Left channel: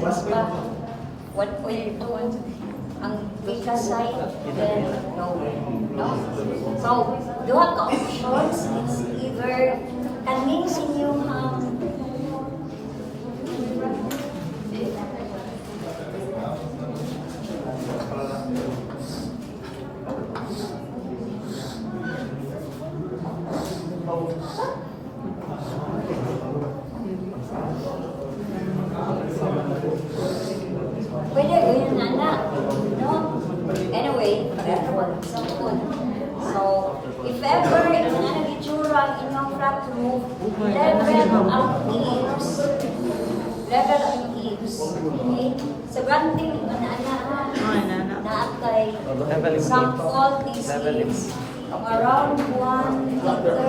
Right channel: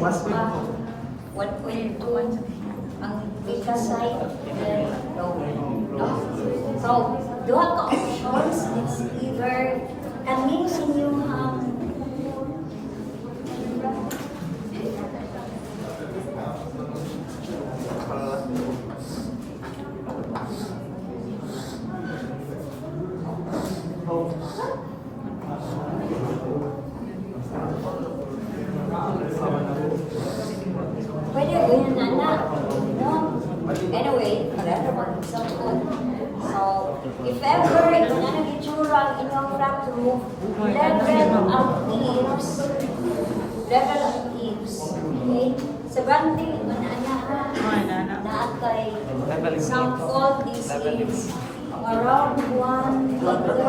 ba? 1.2 ang beta side, then lower. No? So, duha ka options. It's either kaning sinyuhang pwede ganyan na na. No? Anyway, pareho mag-example. So, if ever ito na nag-itsura ang inyong flat roof, level ang eaves. Level ang eaves. Okay? Sa granting, ito na na kay example, this is around 1 meter.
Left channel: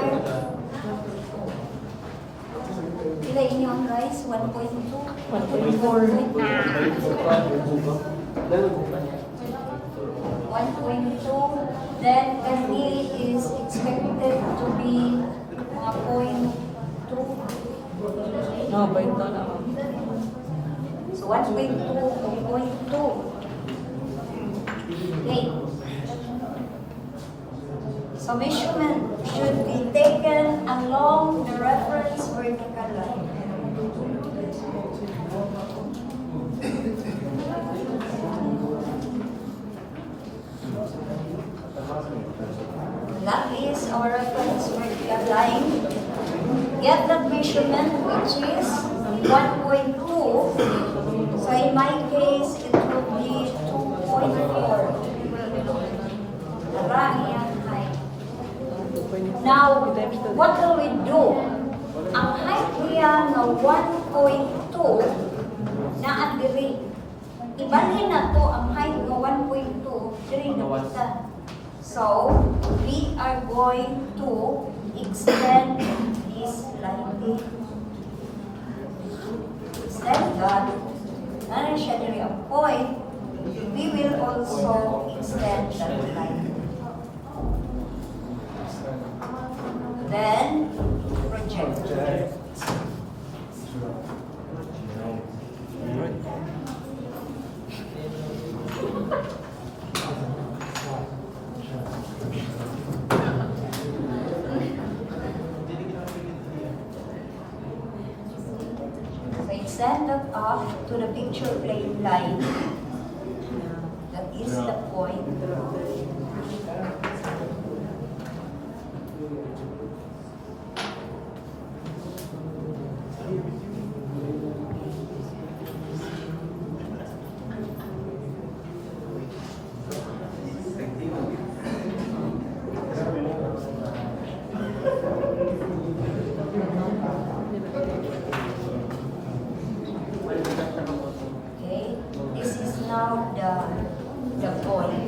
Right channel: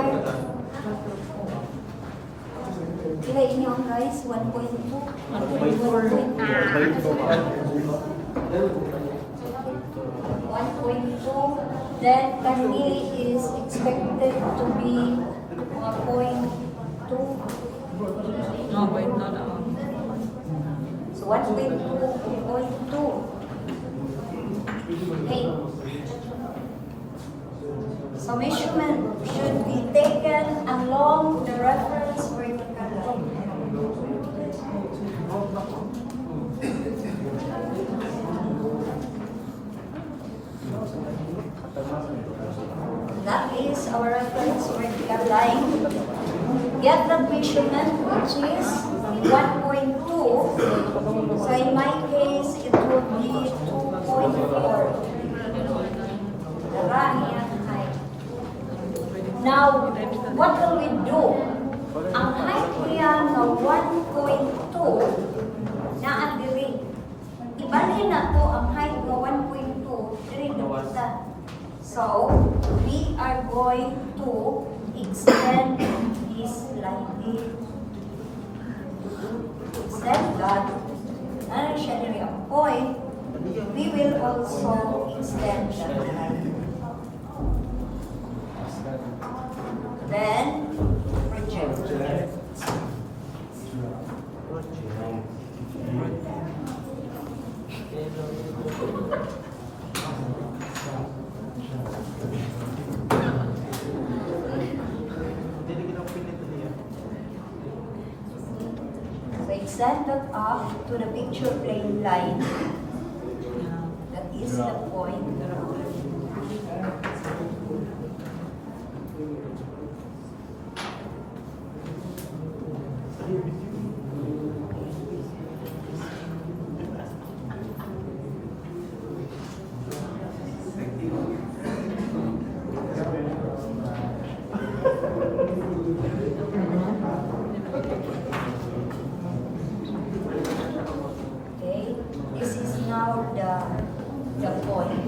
Kila inyong guys, 1.2. 1.2. Then kanili is expected to be mga 0.2. No, point na lang. So 1.2 to 0.2. Okay. So measurement should be taken along the reference vertical line. That is our reference vertical line. Get that measurement, which is 1.2. So in my case, it will be 2.4. Darahiyang height. Now, what will we do? Ang height niya ng 1.2 na ang diri. Ibalhin na to ang height ng 1.2 diri na kita. So, we are going to extend this line. Extend that. Ano siya diri ang point. We will also extend that line. Then, project. So, extend that off to the picture plane line. That is the point. The point.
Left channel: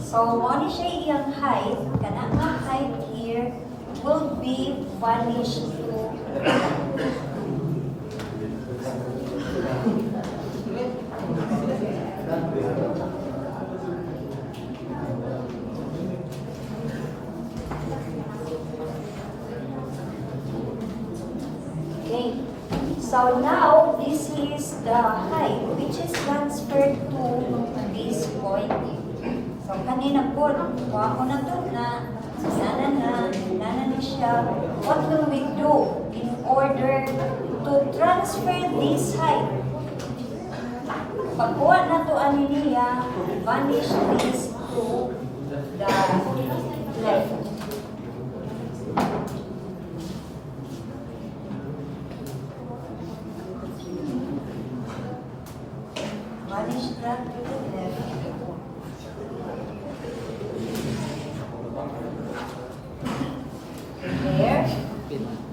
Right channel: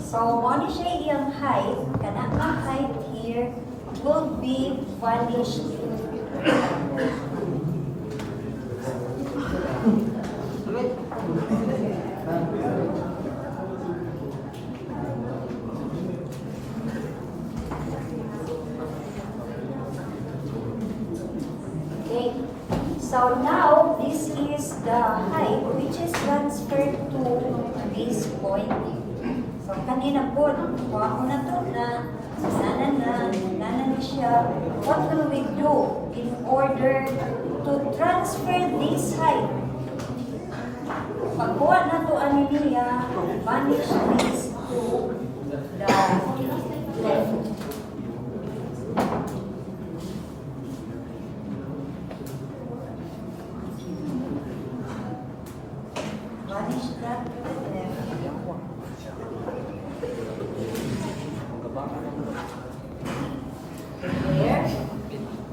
So, ano siya iyang height, kana ang height here will be vanished to okay. So now, this is the height which is transferred to this point. So, kanina po, kuha ko na to na nana na siya. What will we do in order to transfer this height? Pagkuha na to ano niya, vanish this to the left. Vanish that left. Here.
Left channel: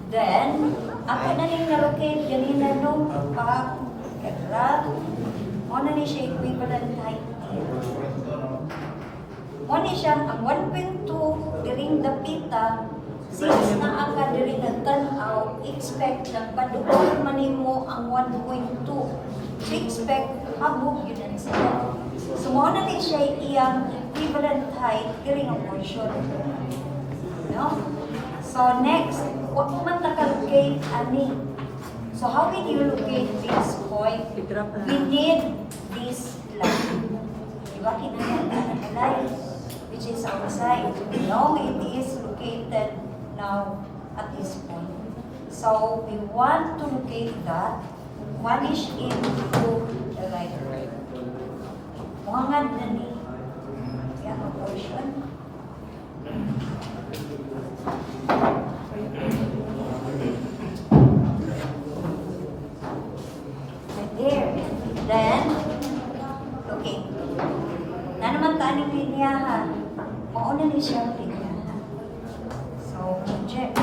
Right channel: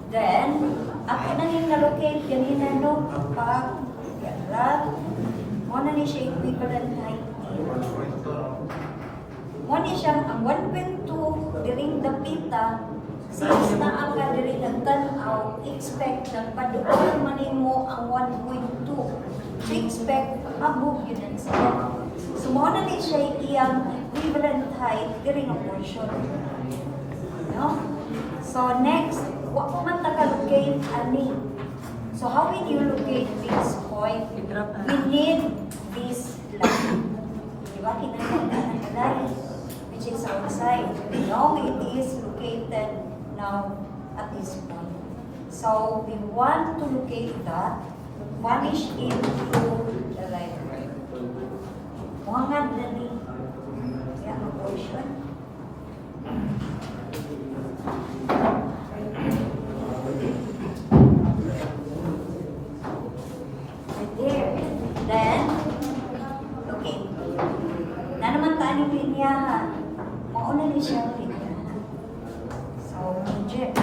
Then, ako na ning na-locate ganina no, pag karat. Mo na ni siya equivalent height here. Mo ni siya ang 1.2 during the pita. Since na ang diri nagtanaw, expect na paduol manimo ang 1.2. To expect habog yun ang siya. So, mo na ni siya iyang equivalent height during a portion. No? So, next, wag mo man takalocate ani. So how will you locate this point? I-drop na. We need this line. Diba? Kinakailangan ng line, which is outside. We know it is located now at this point. So we want to locate that. Vanish into the line. Muhangad na ni. Yan ang portion. Right there. Then, okay. Na naman tayo ng linyahan. Mauna ni siya ang linyahan. So, project.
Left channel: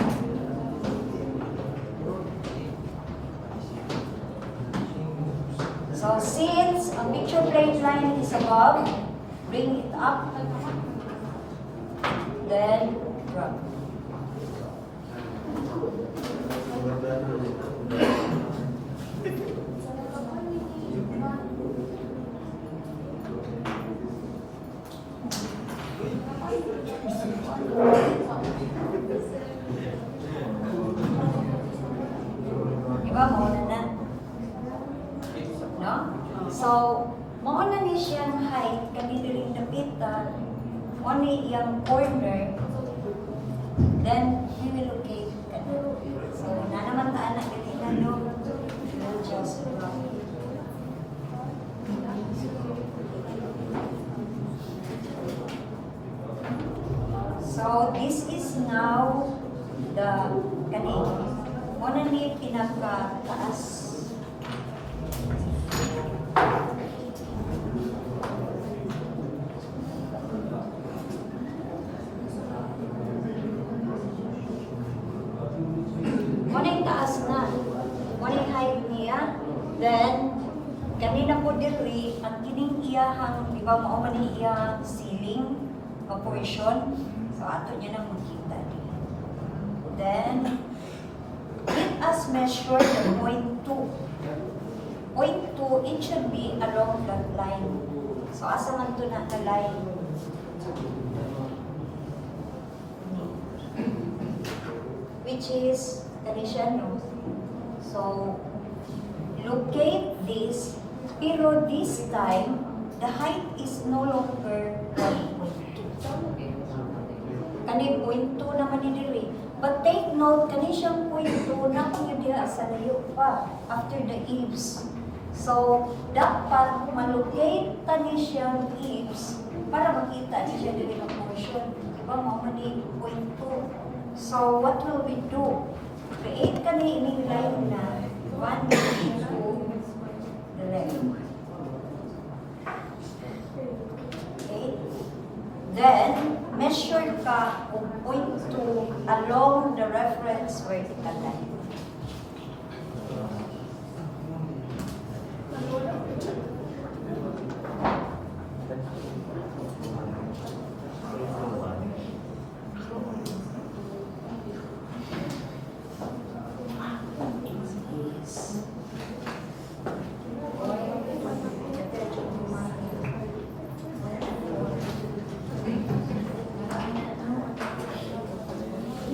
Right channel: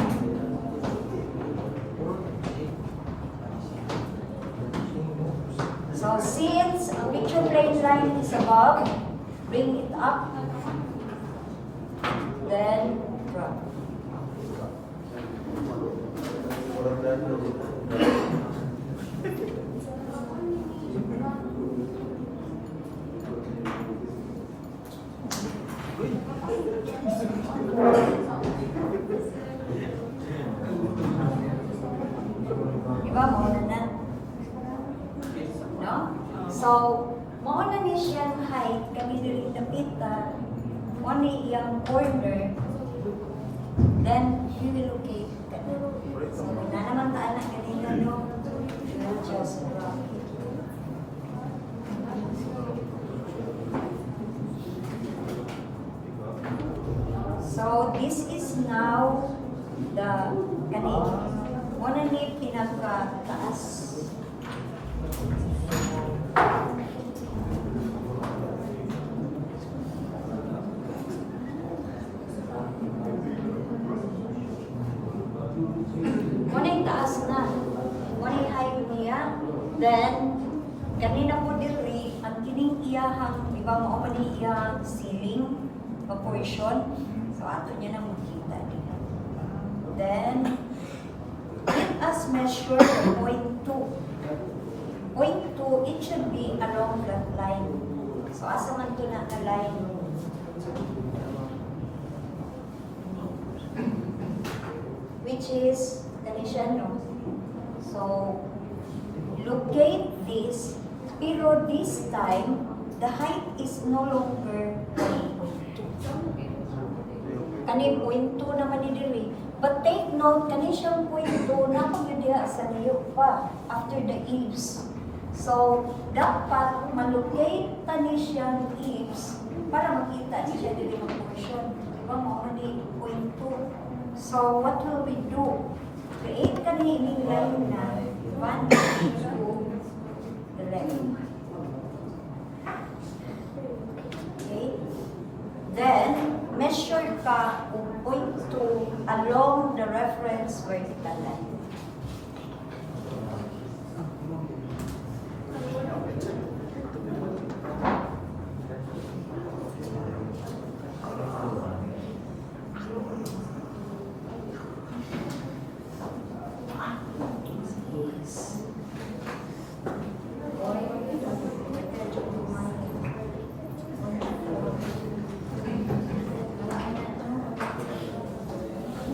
So, since a picture plane line is above, bring it up. Then, drop. Diba, mauna na? No? So, mauna ni siyang height, kami rin napita, only yung corner, then we will locate ka na. So, na naman taan ang kanina, no? We'll just drop it. So, this is now the kanina. Muna ni pinaka-taas. Muna yung taas na. Muna yung height niya. Then, kanina po diri, ang kining iyahang, di ba, mao man yung iyahang ceiling, o portion. So, ato niya nang makita niya. Then, let us measure the point 2. Point 2, it should be along that line. So, asa man to na line? Which is, siya, no? So, locate this, pero this time, the height is no longer 1.2. Kani point 2 naman ni diri. But take note, kani siyang point 2 na kung yun diha sa layo pa after the eaves. So, dapat malocate tani siyang eaves para makita ni siya diri ng portion. Diba mo ni point 2. So, what will we do? Create kani ining line na 1 to the left. Okay? Then, measure ka kung point 2 along the reference vertical line.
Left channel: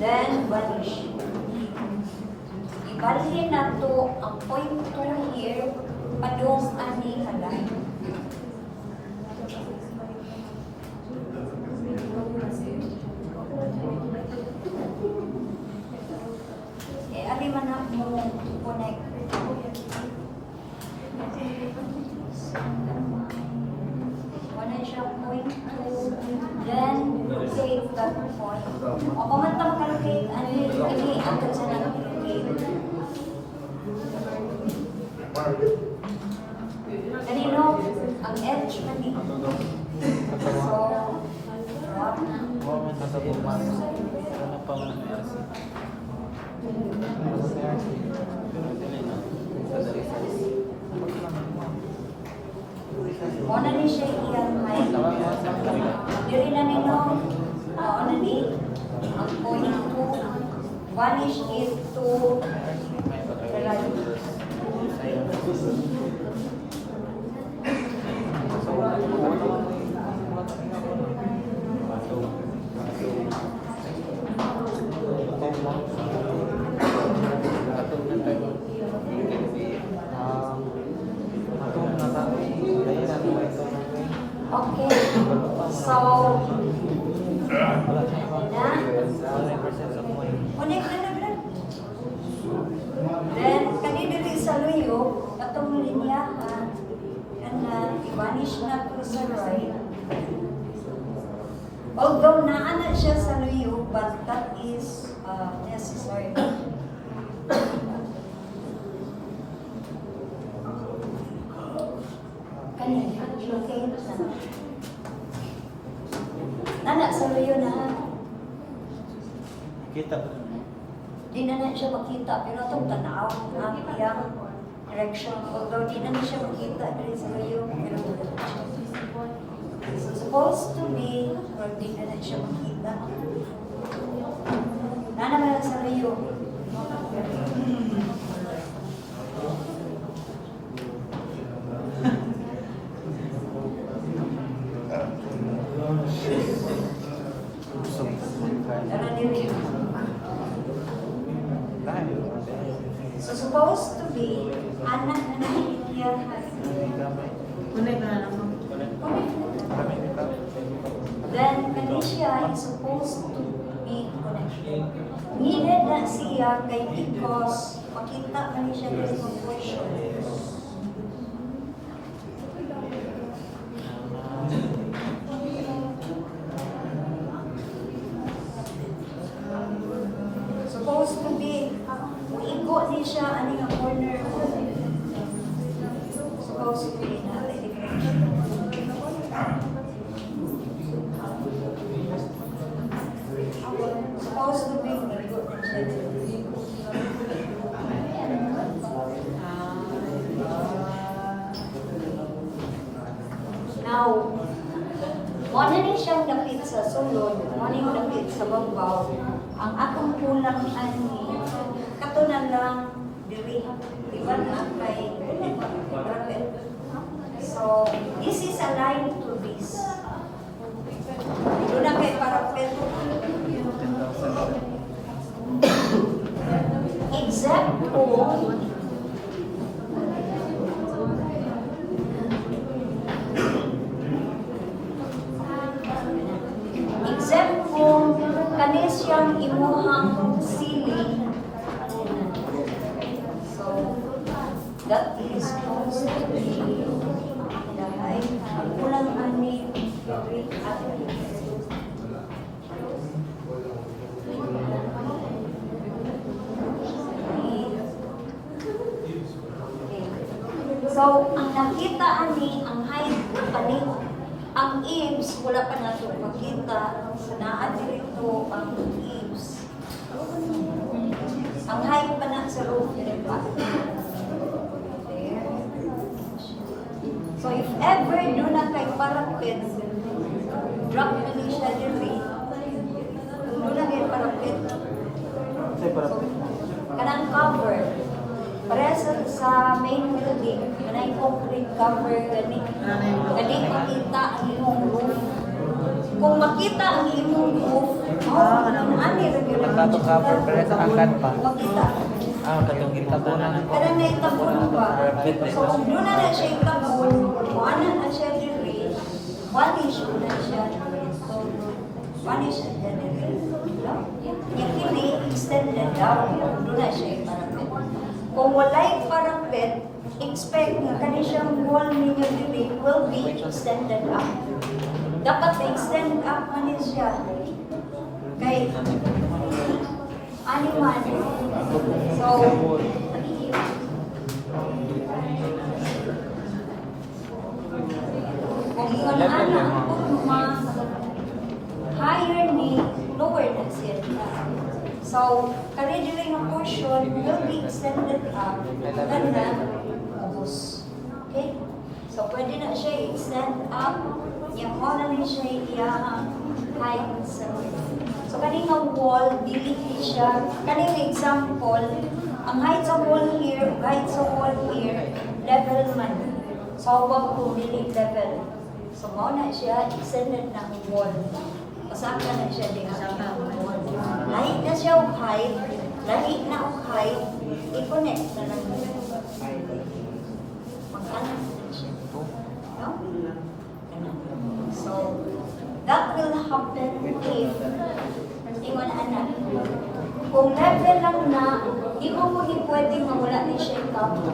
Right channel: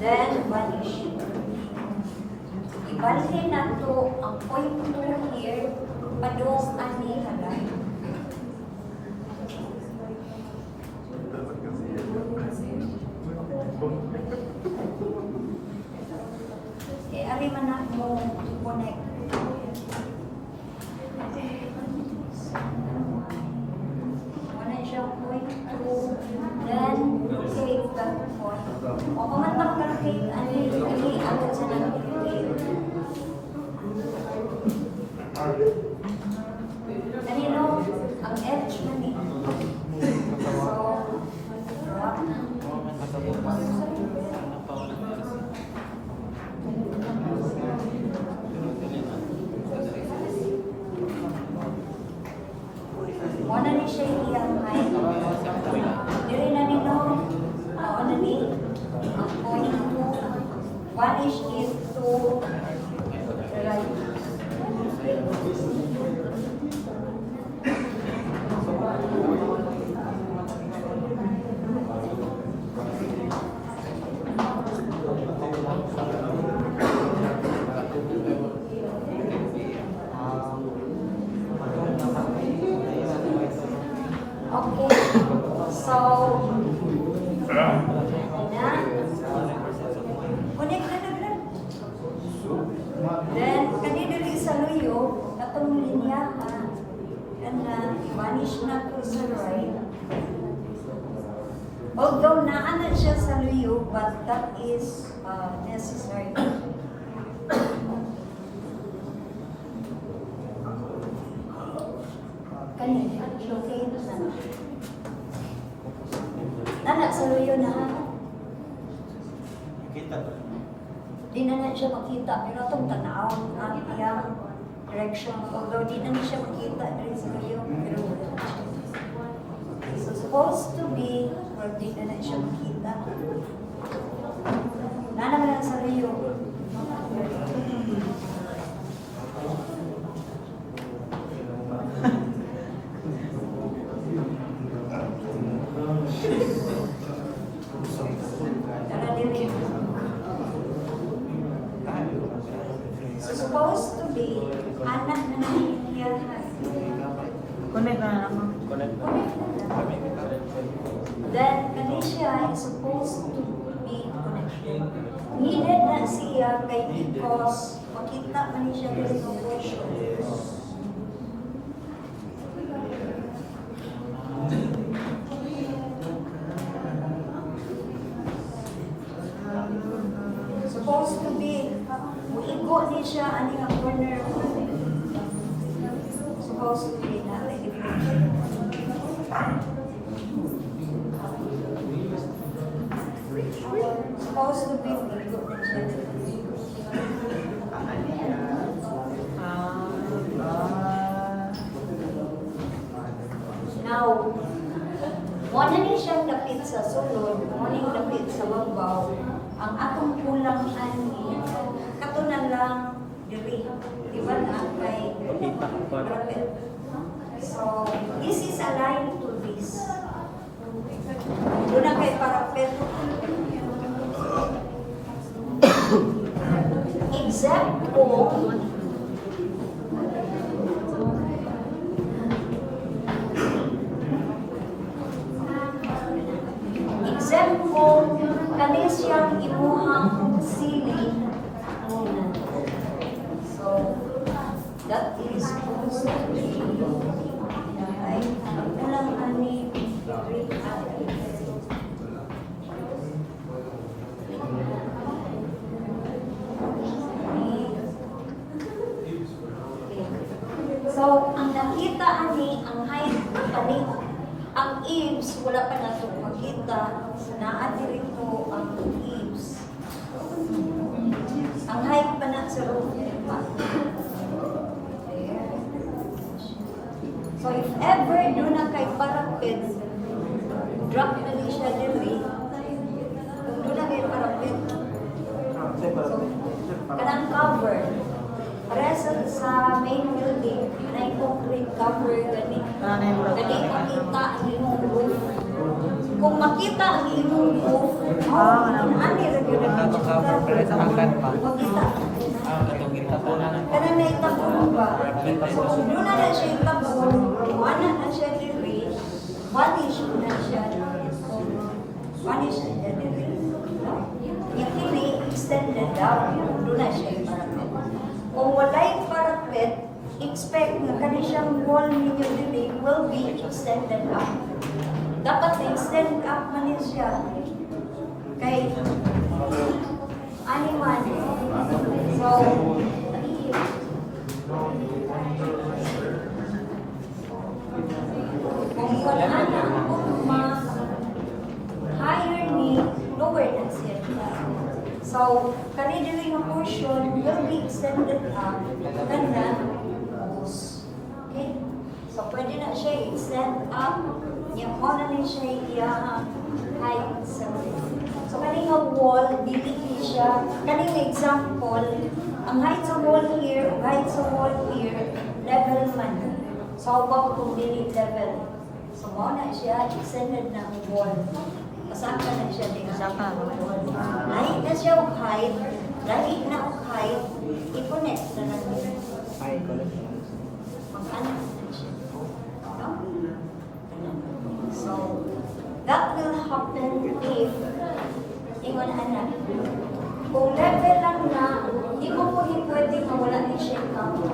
Then, vanish. Ibalhin na to ang point 2 here, padung ani halang. Ari man na mo connect. Wala siya point 2, then save that point. O kung man ta makalocate, ani ang sa nang locate. Kanino, ang edge man eh. So, drop. Muna ni siya iyang height. Diri na nino, na ni, ang point 2, vanish it to the right. Although naana siya sa luyo, but that is necessary. Kani, ilocate na. Nana sa luyo na. Kita po. Di na siya makita, pero itong tanaw ang iyang direction. Although di na siya makita dahil sa luyo, pero wala na siya. So supposed to be, or di na siya makita. Nana mo lang sa luyo. Tara dili. So supposed to be, anak na nangyayari. Connect na lang. Then, Kanisha is supposed to be connected. Needed na siya kay because makita man siya dito sa portion. Supposed to be, muigo ni siya ani nga corner mo. Supposed to be natin. Supposed to be muigo na siya. Now, wala ni siyang dapit sa sulod, wala ni dapit sa babaw. Ang akong kulang ani, katunan lang diri, di ba na kay Rapid. So, this is aligned to this. Doon na kay Parapet. Except kung kani siyang imuhang sili. So, that is supposed to be dahay. Ang kulang ani, so, ang nakita ani, ang height pani, ang eaves, wala pa na ito makita. Sanaan dito ang eaves. Ang height pa na sa roof, diba? There. So, if ever doon na kay parapet, drop na ni siya diri. Kung doon na kay parapet, so, kanang cover. Para sa main building, kanang concrete cover, gani. Gani makita ang iyong roof. Kung makita ang iyong roof, ani ra gyud ang makita. Kanang naitabon ba? So kung doon na siya itabon, wala na siya diri, vanish na siya. So, vanish na siya diri. No? Yung kini extended down, doon na siya iparapit. Kung walay parapet, expect nga kani siyang wall ninyo dili will be extended up. Dapat na-extend up man siya. Kay animal. So, kung iyon ana, kung higher ni, lower na siya. So, kani-dili nga portion will be extended up and then boost. Okay? So, pwede na siya extend up. Yung mo na ni siya iyang height sa roof. So, kani nga wall, dili siya. Kani nga example, ang height sa wall here, height sa wall here, level man. So, wag kung dili level. So, mo na siya extended ng wall. Pasaka na siya din sa wall. Lahi na siya og height, lahi na og height, i-connect na lang niya. Mag-anak na siya. No? So, that will happen if ingon anak. Kung level lang na, di mo po pwede mawala ni siya yung cover.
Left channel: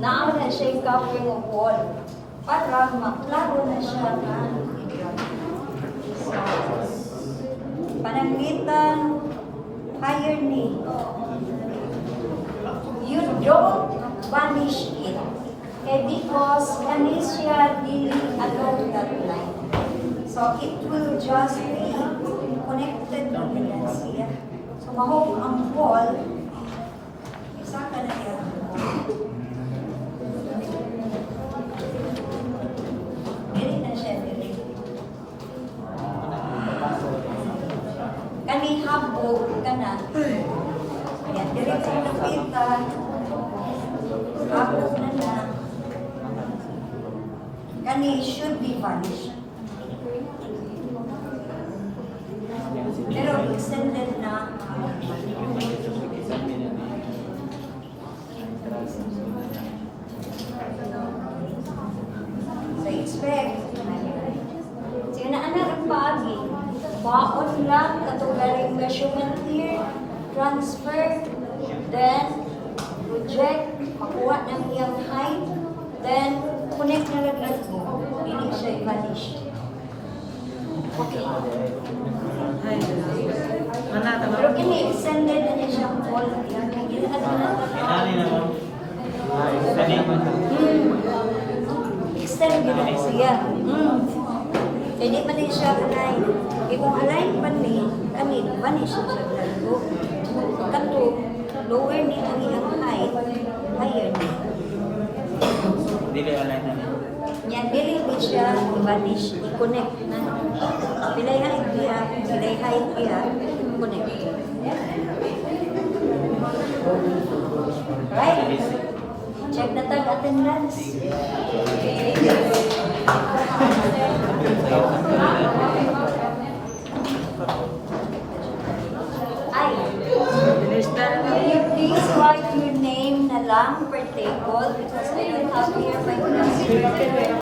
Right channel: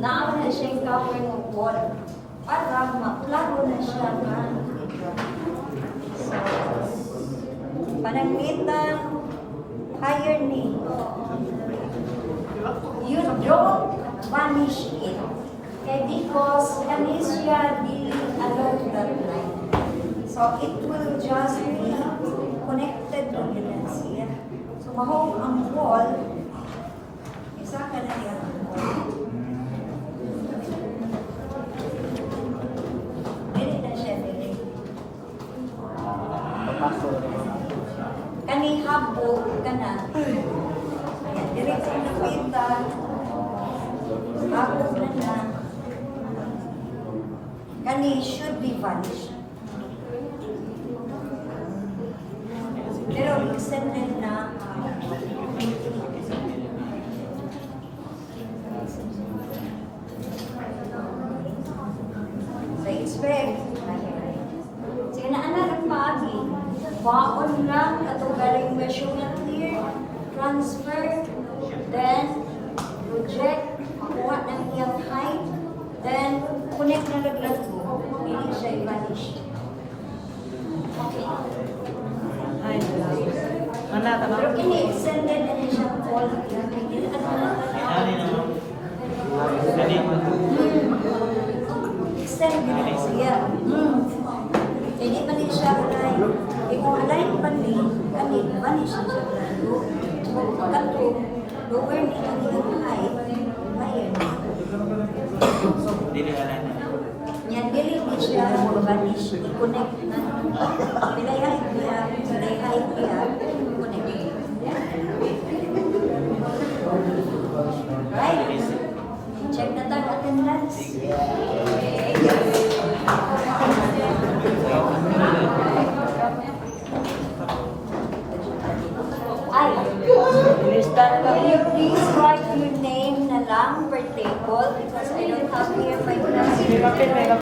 Naaman na siya yung cover ng wall para maklaro na siya na i-drop. So, pananglitan, higher knee. You don't vanish it. Okay, because anesthesia really along that line. So it will just be connected to the anesthesia. So mahog ang wall, isa ka na yung wall. Dili na siya, dili. Kani habog ka na. Ayan, dili kong lapitan. Habog na na. Kani should be vanished. Pero extended na. So expect. Sige na anak pagi. Baon lang katugaling measurement here. Transfer. Then project. Makuha ng iyang height. Then connect na laglag mo. Hindi siya i-vanish. Okay. Ay, salamat. Anak, Pero tama. kini extended na siya wall. Gilaan mo na extend mo na siya. Hindi pa din siya alay. Kung alay pa ni, kani, vanish na siya lalo. Kato, lower ni ang iyong height, higher na. Yan, dili di siya vanish, i-connect na. Pilay height niya, connect. Right? Check na tayo attendance. Ay, Lista na lang. will you please write your name na lang per table because I don't have here my glasses. May papel, may